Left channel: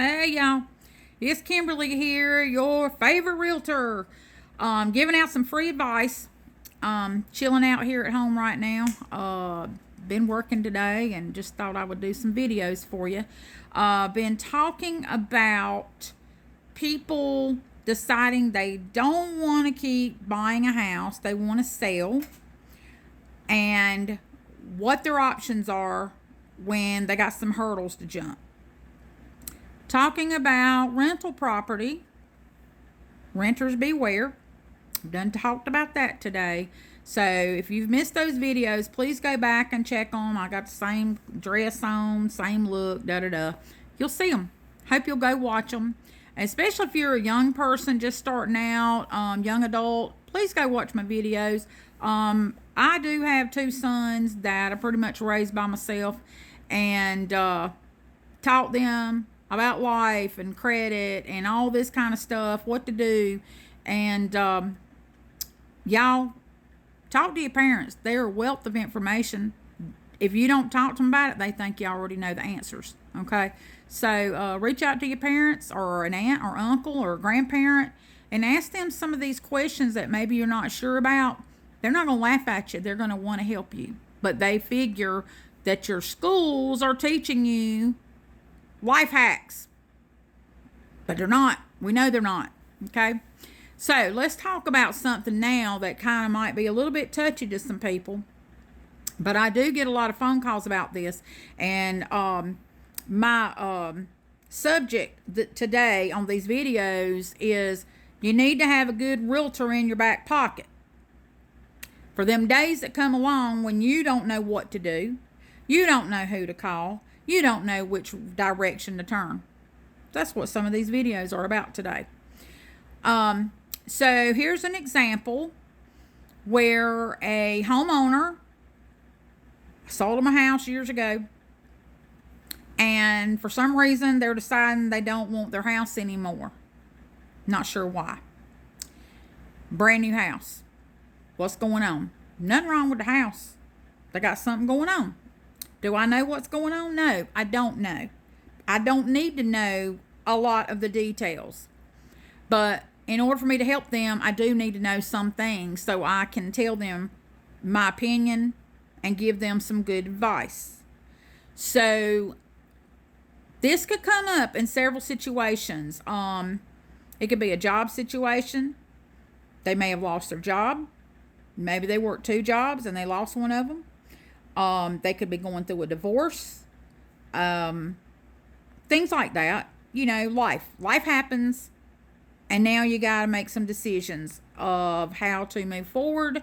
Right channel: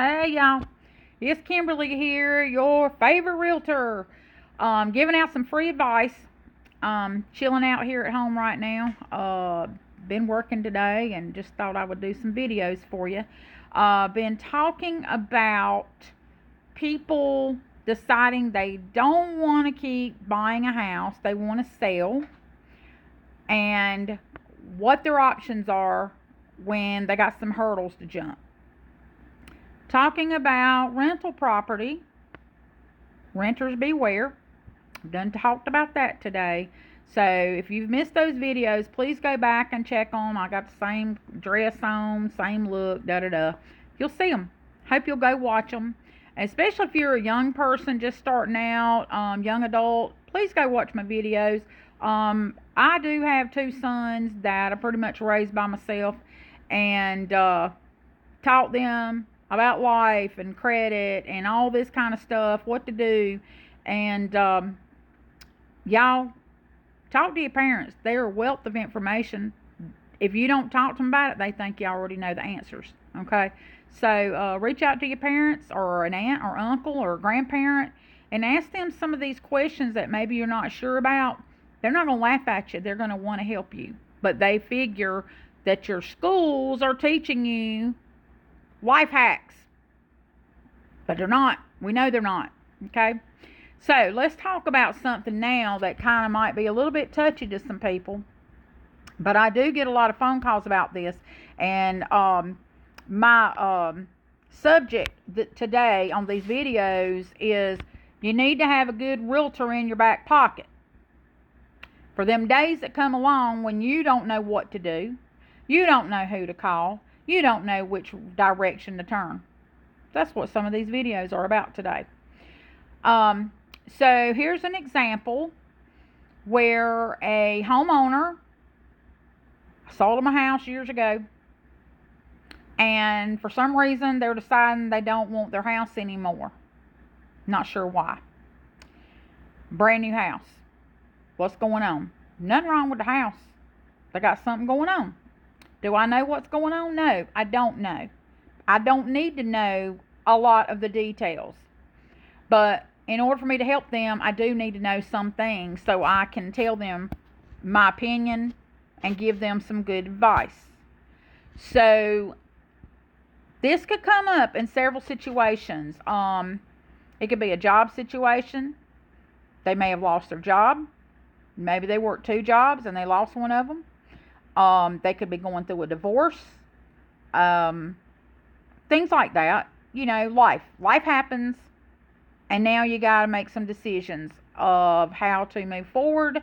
Hey y'all, it's Kimberly here, your favorite realtor. Giving out some free advice. Chilling out here at home right now. Been working today and just thought I would do some videos for you. Been talking about people deciding they don't want to keep buying a house, they want to sell, and what their options are when they got some hurdles to jump. Talking about rental property, renters beware. I've done talked about that today. So if you've missed those videos, please go back and check them. I got the same dress on, same look, You'll see them. Hope you'll go watch them. Especially if you're a young person just starting out, young adult, please go watch my videos. I do have two sons that I pretty much raised by myself, and taught them about life and credit and all this kind of stuff, what to do. And y'all, talk to your parents. They're a wealth of information. If you don't talk to them about it, they think you already know the answers. Okay? So reach out to your parents or an aunt or uncle or a grandparent and ask them some of these questions that maybe you're not sure about. They're not going to laugh at you. They're going to want to help you. But they figure that your schools are teaching you life hacks. But they're not. We know they're not. Okay? So let's talk about something now that kind of might be a little bit touchy to some people. But I do get a lot of phone calls about this. And my subject today on these videos is you need to have a good realtor in your back pocket. For them days that come along when you don't know what to do, you don't know who to call, you don't know which direction to turn. That's what some of these videos are about today. So here's an example where a homeowner sold them a house years ago, and for some reason they're deciding they don't want their house anymore. Not sure why. Brand new house. What's going on? Nothing wrong with the house. They got something going on. Do I know what's going on? No, I don't know. I don't need to know a lot of the details. But in order for me to help them, I do need to know some things so I can tell them my opinion and give them some good advice. So this could come up in several situations. It could be a job situation. They may have lost their job. Maybe they worked two jobs and they lost one of them. They could be going through a divorce. Things like that. You know, life happens, and now you got to make some decisions of how to move forward,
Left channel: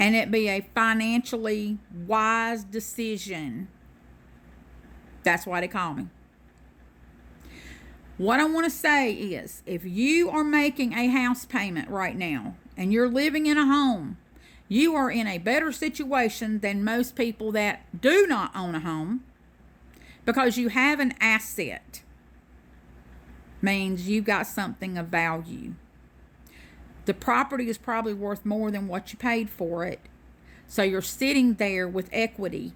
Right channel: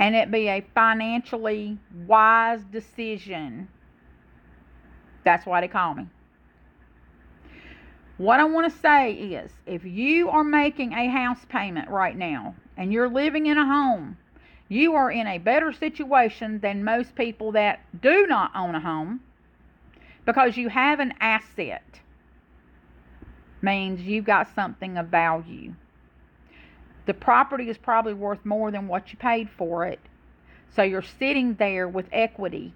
and it be a financially wise decision. That's why they call me. What I want to say is, if you are making a house payment right now and you're living in a home, you are in a better situation than most people that do not own a home, because you have an asset. Means you've got something of value. The property is probably worth more than what you paid for it. So you're sitting there with equity.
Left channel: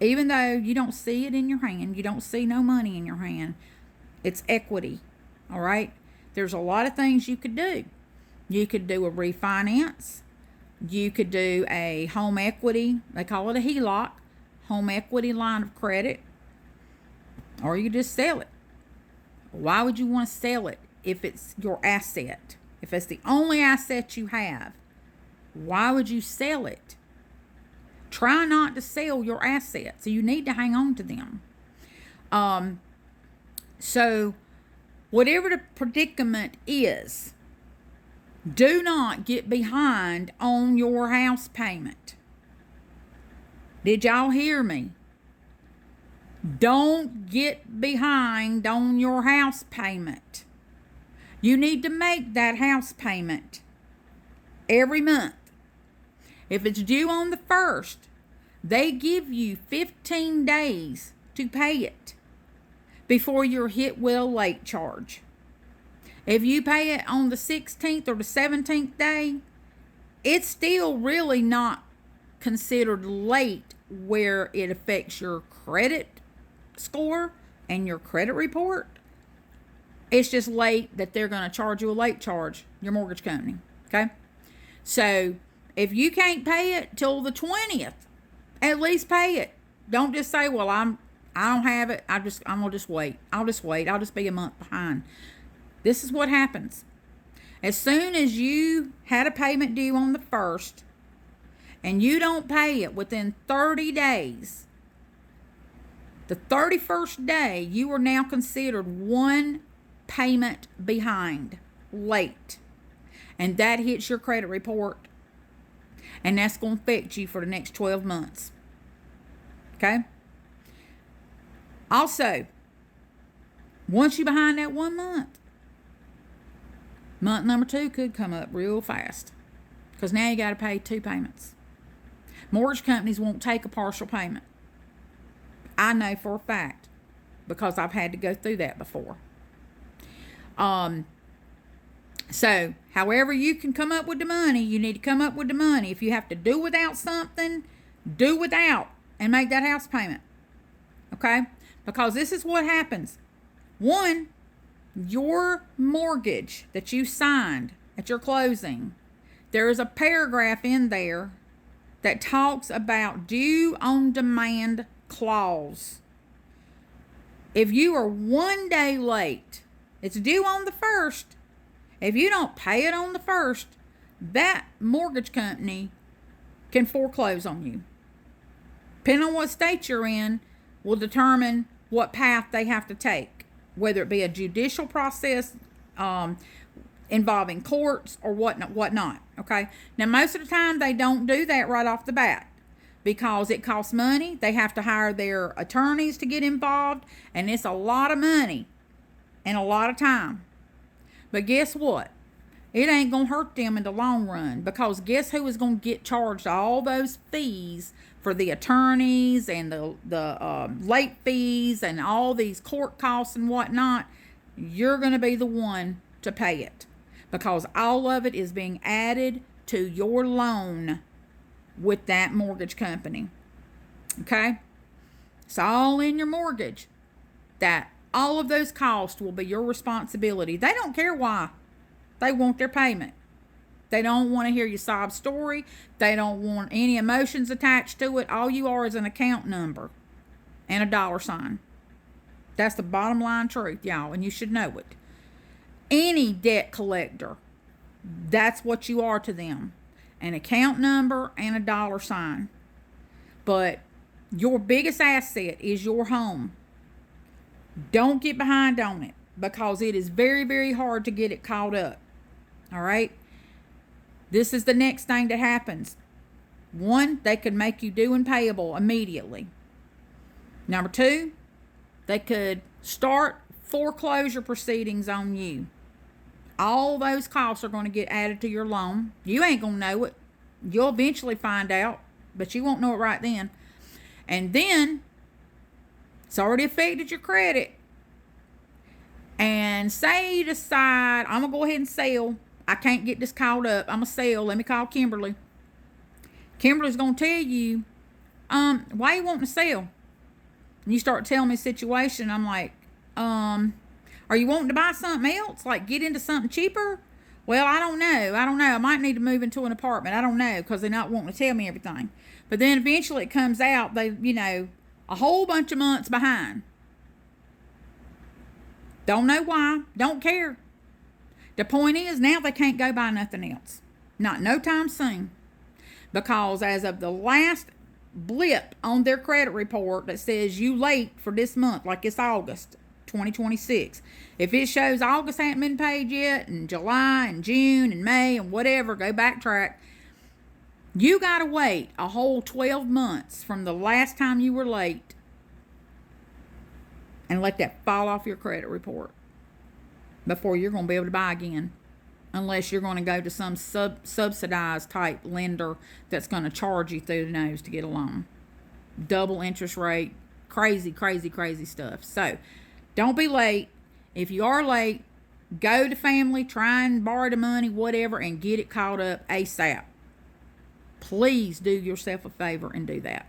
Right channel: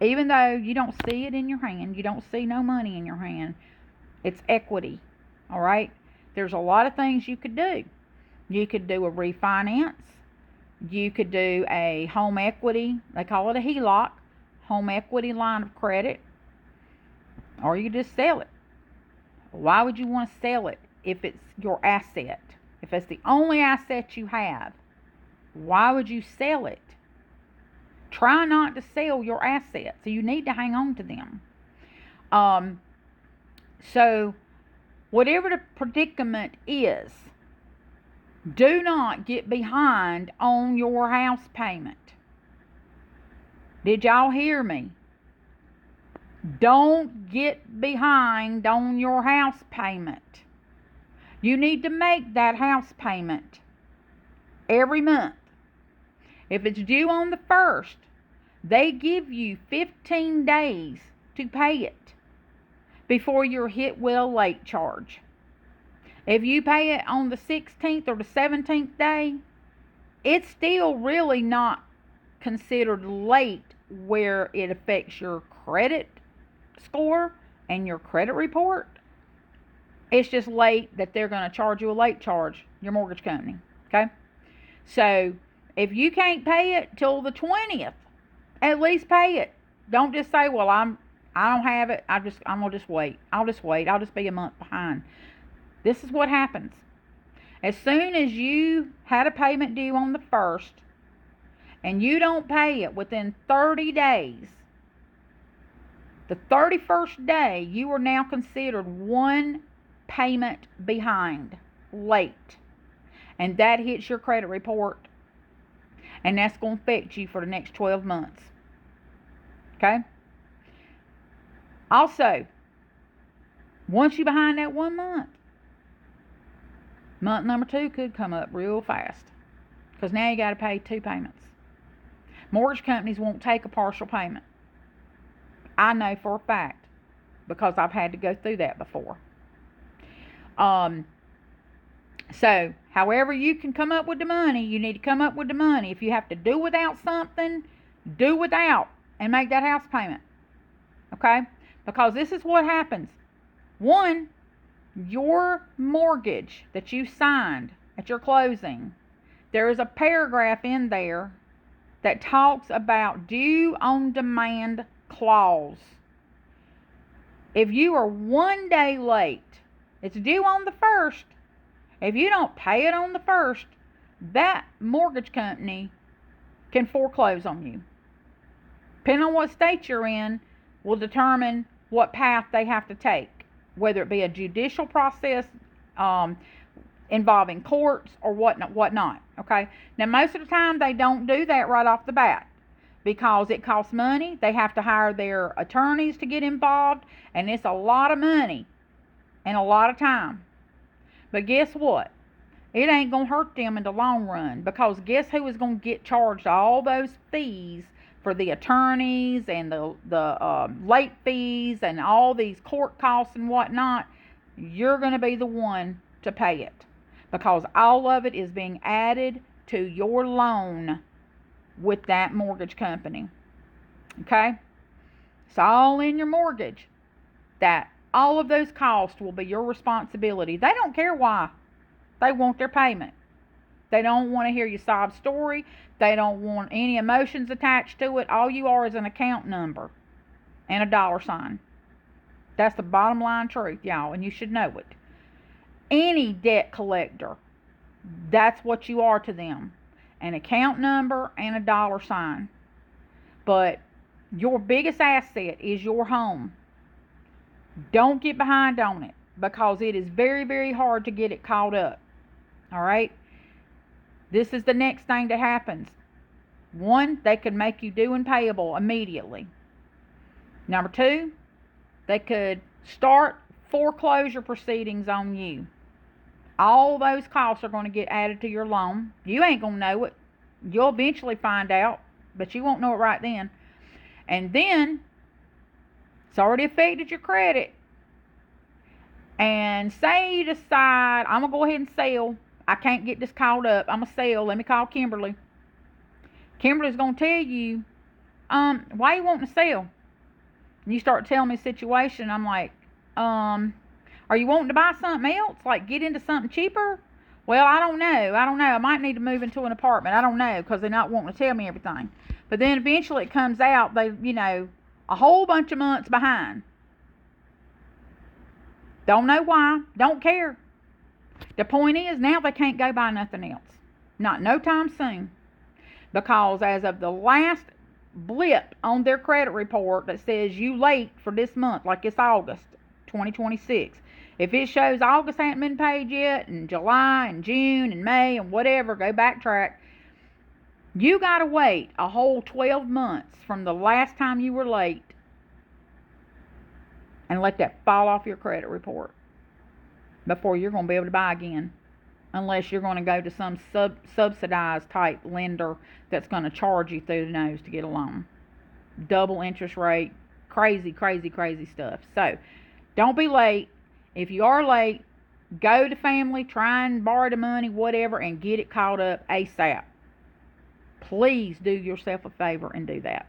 Even though you don't see it in your hand, you don't see no money in your hand, it's equity. All right? There's a lot of things you could do. You could do a refinance. You could do a home equity. They call it a HELOC. Home equity line of credit. Or you could just sell it. Why would you want to sell it if it's your asset? If it's the only asset you have, why would you sell it? Try not to sell your assets. So you need to hang on to them. So whatever the predicament is, do not get behind on your house payment. Did y'all hear me? Don't get behind on your house payment. You need to make that house payment every month. If it's due on the 1st, they give you 15 days to pay it before you're hit with a late charge. If you pay it on the 16th or the 17th day, it's still really not considered late where it affects your credit score and your credit report. It's just late that they're going to charge you a late charge, your mortgage company. Okay? So if you can't pay it till the 20th, at least pay it. Don't just say, well, I don't have it. I'm going to just wait. I'll just wait. I'll just be a month behind. This is what happens. As soon as you had a payment due on the 1st and you don't pay it within 30 days, the 31st day, you are now considered one payment behind, late. And that hits your credit report. And that's going to affect you for the next 12 months. Okay? Also, once you're behind that 1 month, month number 2 could come up real fast. Because now you got to pay 2 payments. Mortgage companies won't take a partial payment. I know for a fact. Because I've had to go through that before. So, however you can come up with the money, you need to come up with the money. If you have to do without something, do without and make that house payment. Okay? Because this is what happens. One, your mortgage that you signed at your closing, there is a paragraph in there that talks about due on demand clause. If you are 1 day late, it's due on the 1st. If you don't pay it on the 1st, that mortgage company can foreclose on you. Depending on what state you're in will determine what path they have to take, whether it be a judicial process involving courts or whatnot. Okay? Now, most of the time, they don't do that right off the bat because it costs money. They have to hire their attorneys to get involved, and it's a lot of money and a lot of time. But guess what? It ain't going to hurt them in the long run, because guess who is going to get charged all those fees for the attorneys and the late fees and all these court costs and whatnot? You're going to be the one to pay it, because all of it is being added to your loan with that mortgage company. Okay? It's all in your mortgage. That all of those costs will be your responsibility. They don't care why. They want their payment. They don't want to hear your sob story. They don't want any emotions attached to it. All you are is an account number and a dollar sign. That's the bottom line truth, y'all, and you should know it. Any debt collector, that's what you are to them. An account number and a dollar sign. But your biggest asset is your home. Don't get behind on it, because it is very, very hard to get it caught up. All right? This is the next thing that happens. One, they could make you due and payable immediately. Number 2, they could start foreclosure proceedings on you. All those costs are going to get added to your loan. You ain't going to know it. You'll eventually find out, but you won't know it right then. And then, it's already affected your credit. And say you decide, I'm going to go ahead and sell. I can't get this caught up. I'm going to sell. Let me call Kimberly. Kimberly's going to tell you, why you wanting to sell? And you start telling me the situation. I'm like, are you wanting to buy something else? Like get into something cheaper? Well, I don't know. I might need to move into an apartment. I don't know, because they're not wanting to tell me everything. But then eventually it comes out, they, a whole bunch of months behind. Don't know why. Don't care. The point is, now they can't go buy nothing else. Not no time soon. Because as of the last blip on their credit report that says you late for this month, like it's August 2026. If it shows August hasn't been paid yet, and July and June and May and whatever, go backtrack. You got to wait a whole 12 months from the last time you were late and let that fall off your credit report before you're going to be able to buy again. Unless you're going to go to some subsidized type lender that's going to charge you through the nose to get a loan. Double interest rate. Crazy, crazy, crazy stuff. So, don't be late. If you are late, go to family, try and borrow the money, whatever, and get it caught up ASAP. Please do yourself a favor and do that.